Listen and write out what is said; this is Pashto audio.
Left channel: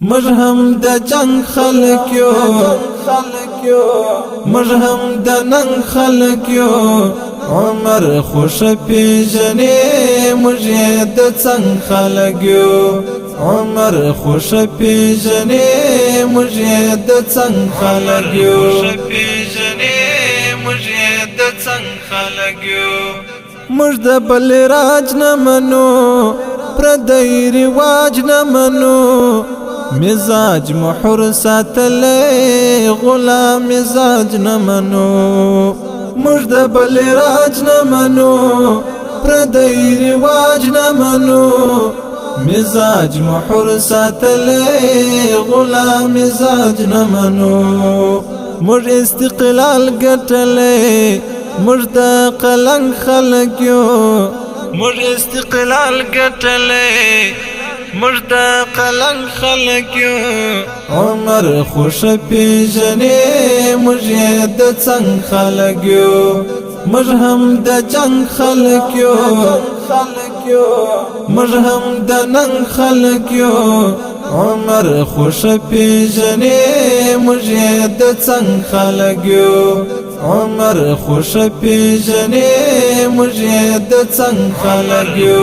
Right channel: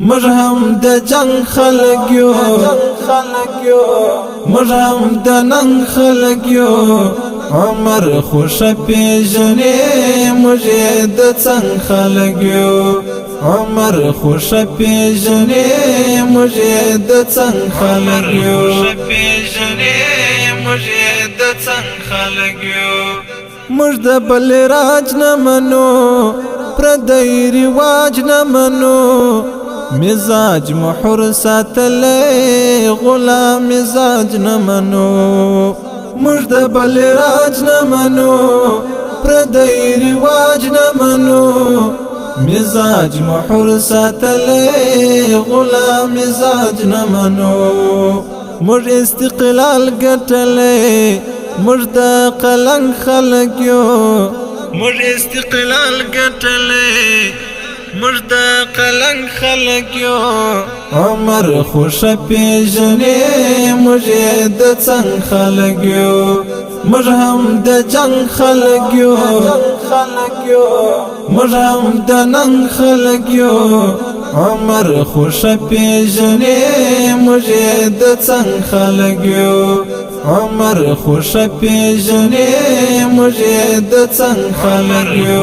مرهم د جنگ خلق یو مرهم د ننگ خلق یو عمر خوش پیژنې مجھے د څنګ خلق یو عمر خوش پیژنې مجھے د څنګ خلق یو مجد بل راج نه منو پردی رواج نه منو مزاج محر ساتلی غلام مزاج نه منو مجد بل راج نه منو پردی رواج نه منو مزاج محر ساتلی غلام مزاج نه منو مر استقلال ګټلی مرد قلنگ خلق یو مر استقلال ګټلی مرد قلنگ خلق یو عمر خوش پیژنې مجھے د څنګ خلق یو مرهم د جنگ خلق یو مرهم د ننگ خلق یو عمر خوش پیژنې مجھے د څنګ خلق یو عمر خوش پیژنې مجھے د څنګ خلق یو